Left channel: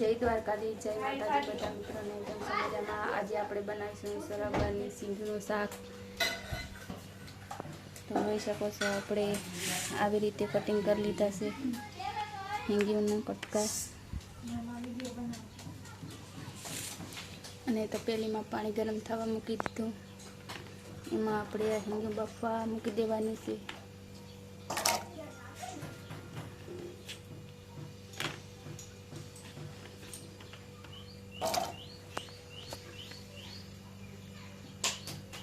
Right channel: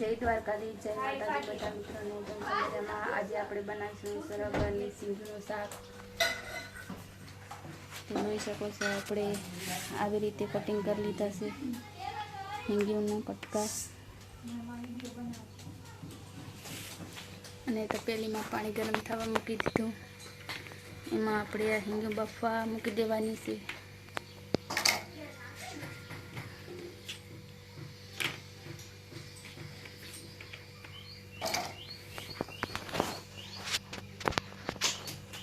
જય દ્વારકાધીશ, જય માતાજી બધા મિત્રોને એકદમ સમજામાં આજે આપણે બનાવીશું સરગવાની સિંગનું શાક. તો જોઈ શકો છો આપણે આવી રીતે કટિંગ કરી લીધા છે. હિંગીના કટકા. અને તપેલીમાં પાણી ગરમ થવા મૂકી દીધું. એમાં આપણે આ હિંગ બફવા મૂકી દેવાની છે.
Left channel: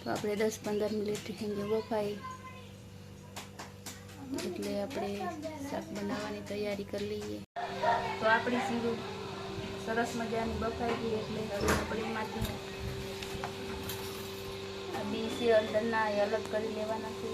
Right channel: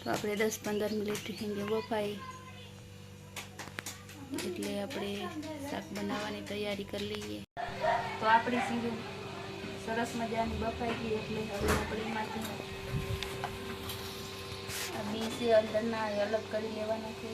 તો આપણે દસ પંદર મિનિટ હિંગે બફાઈ. એટલે આપણે શાક બનાવવાની તૈયારી કરી લઈએ. તો આપણી સીધું સરસ મજાની બફાઈ ગઈ એટલે આપણે આ બી છે અંદરના અલગ કરી લેવાના છે.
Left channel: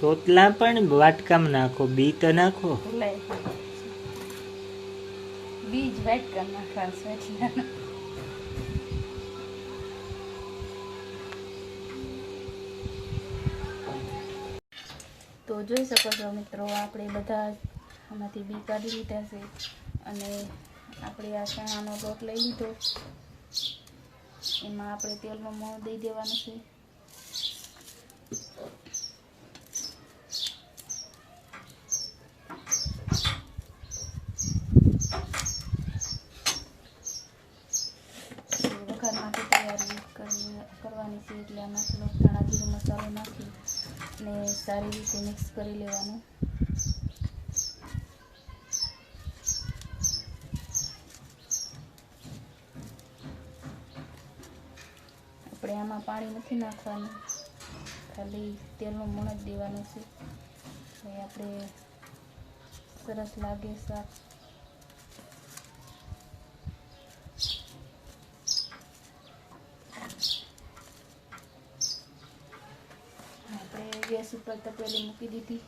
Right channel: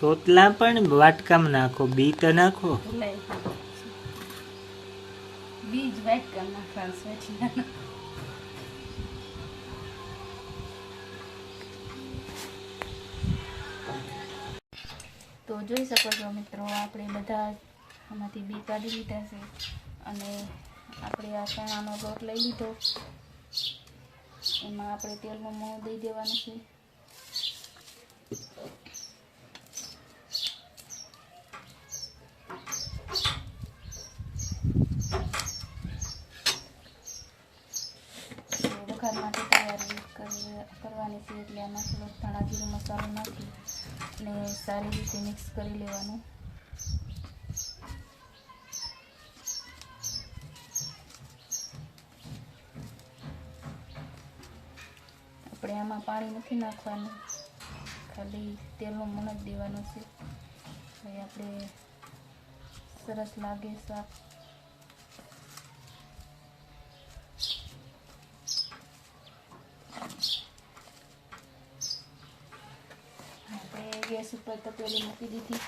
સોતલા પણ વાટકામ નાખો બી તો નાખો. બીજ વાટકામ નાખવાનું તો જોઈ શકો છો મિત્રો, આપણે બધા આમાંથી બી કાઢી લીધા છે અને આપણે આ ચણાનો લોટ લઈ લીધો. એમાં આપણે તેલનો મોં દઈ દેવાનું છે તો વઘાર માટે તૈયારી કરી કરવાની છે એટલે આમાં થોડોક ધાણા જીરું મસાલો નાખી અને સારી રીતે મિક્સ કરી લેવાનું. આપણે આમાં પાણી નથી નાખવાનું. ખાલી તેલનું મણ જ દેવાનું છે. આપણે સરસ લાગે શાક આપણે ગેસ ઉપર તપેલી મૂકી દીધી.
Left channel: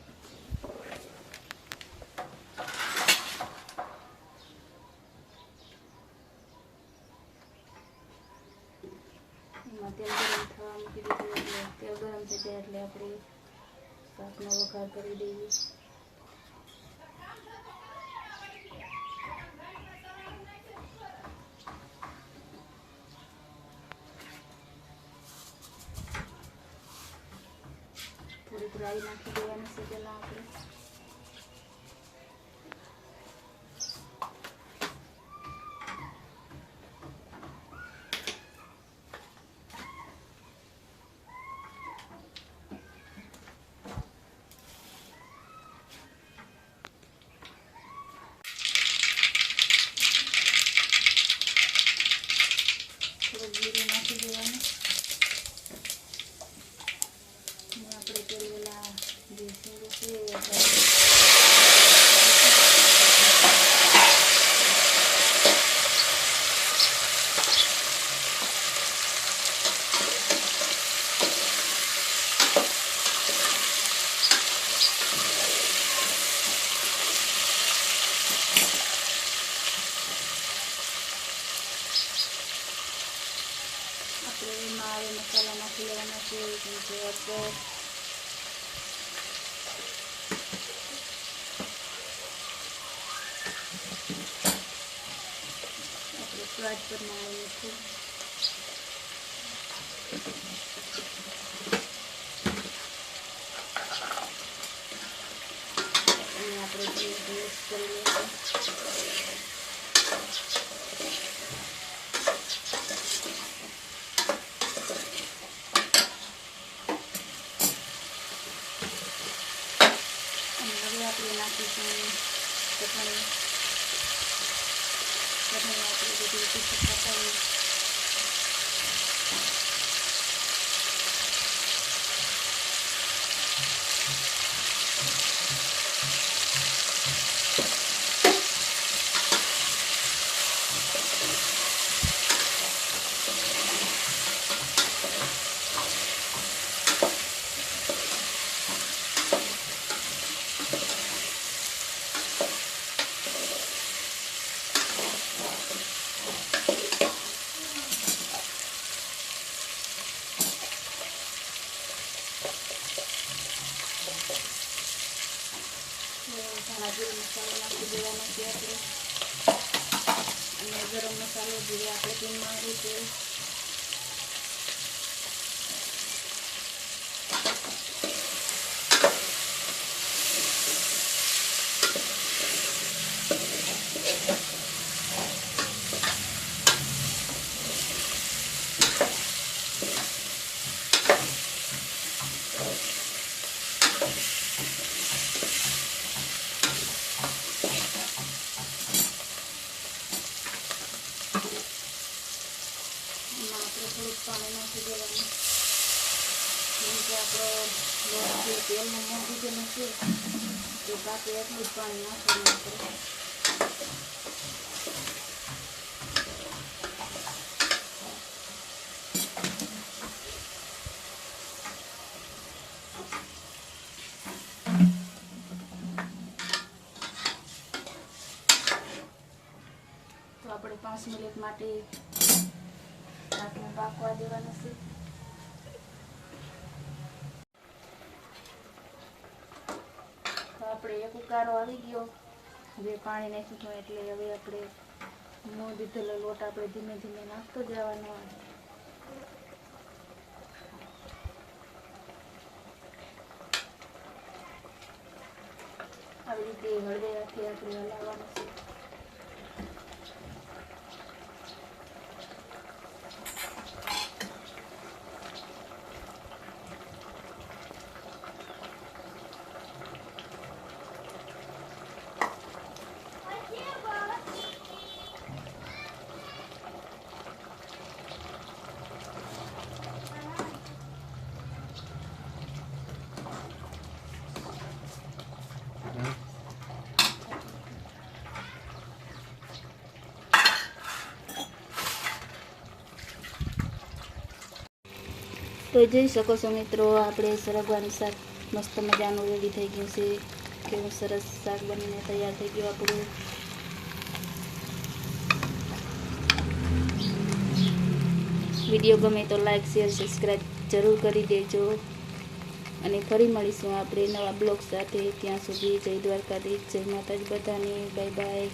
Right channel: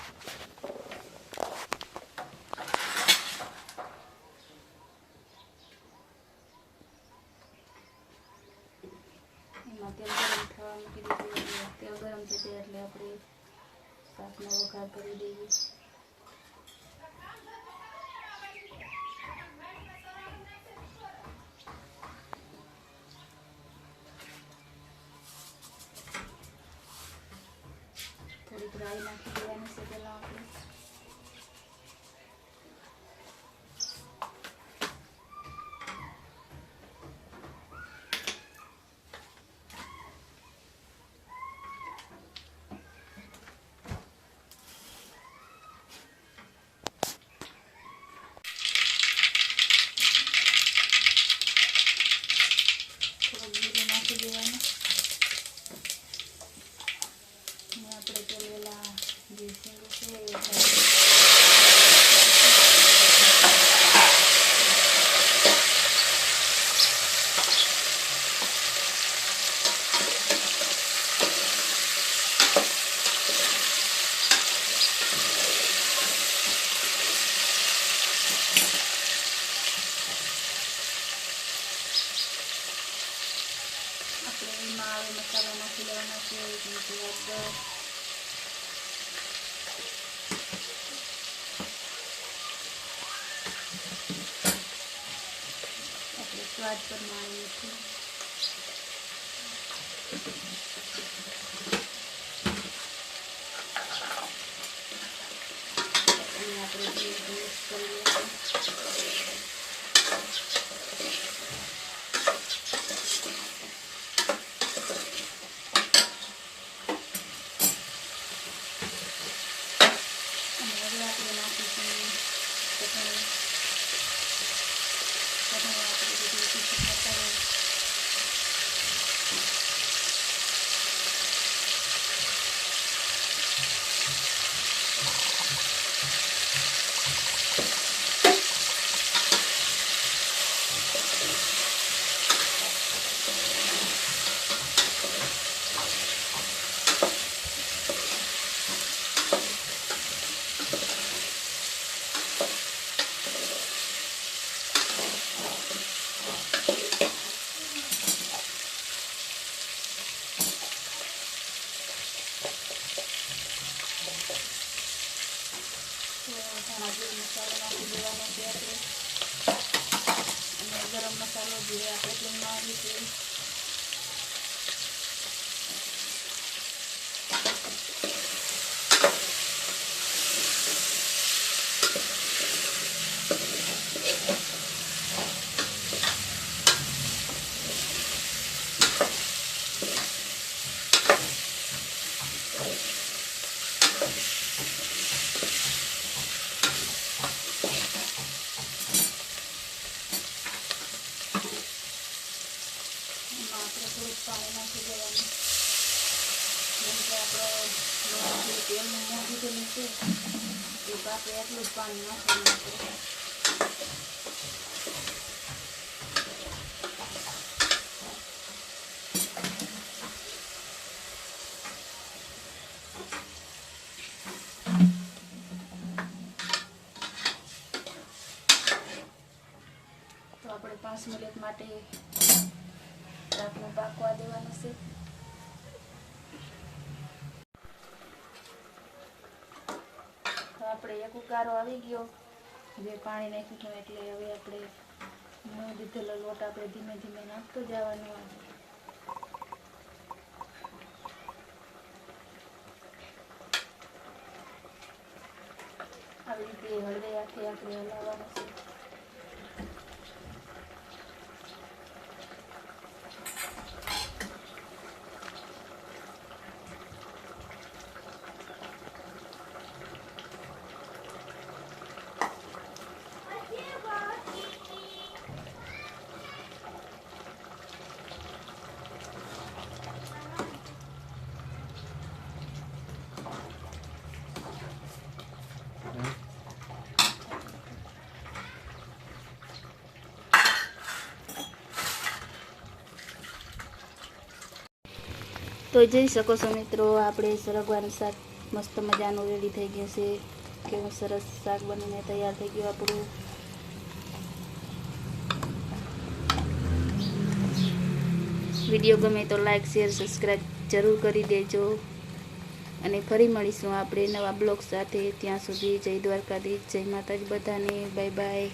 તેલ ગરમ થવા મૂકી દીધું. તેલ ગરમ થશે એટલે આપણે શાકનો વઘાર કરી દઈએ. થોડીક રાઈ નાખી દેવાની છે પહેલાં આપણે થોડુંક જીરું નાખી દેવાનું અને આપણે પેલા જે શીંગો છે એ આપણે આપણે એમાં આવે મસાલા નાખી લેવાના છે જેમ કે અદરક આપણે સ્વાદ પ્રમાણે મીઠું આમાં જે મસાલો નાખી દેવાનો છે અને ગરમ મસાલો જે આપણે તેમાં રીતે જ પાણી નાખી દેવાનું જેમ કે આપણે તેલનું મોં દીધેલું છે એ કાપે એટલું જ પાણી નાખવાનું આપણે આપણે પાંચ મિનિટ માટે પાકવા દેવાનું છે. તો આપણે એક ઉકારો આવી ગયો. હવે પાણી નાખ્યું એટલે હવે આપણે ન દીધેલો લોટ આપણે ધીમે ધીમે નાખતો જવાનો. આવી રીતે હળવે આખી આપણે હલાવવાનું છે. તો જોઈ શકો છો મિત્રો, આપણે સરગવાનું શાક મસ્ત મજાનું રેડી થઈ ગયું છે. કેવું સરસ શાક બનીને તૈયાર થઈ ગયું આપણું. વીડિયો ગમે તો લાઈક શેર સબસ્ક્રાઈબ જરૂર કરી દેજો. અને ફરી મળીશું આપણે નવા બ્લોગ સાથે. ત્યાં સુધી જય દ્વારકાધીશ, જય માતાજી બધાને. Bye bye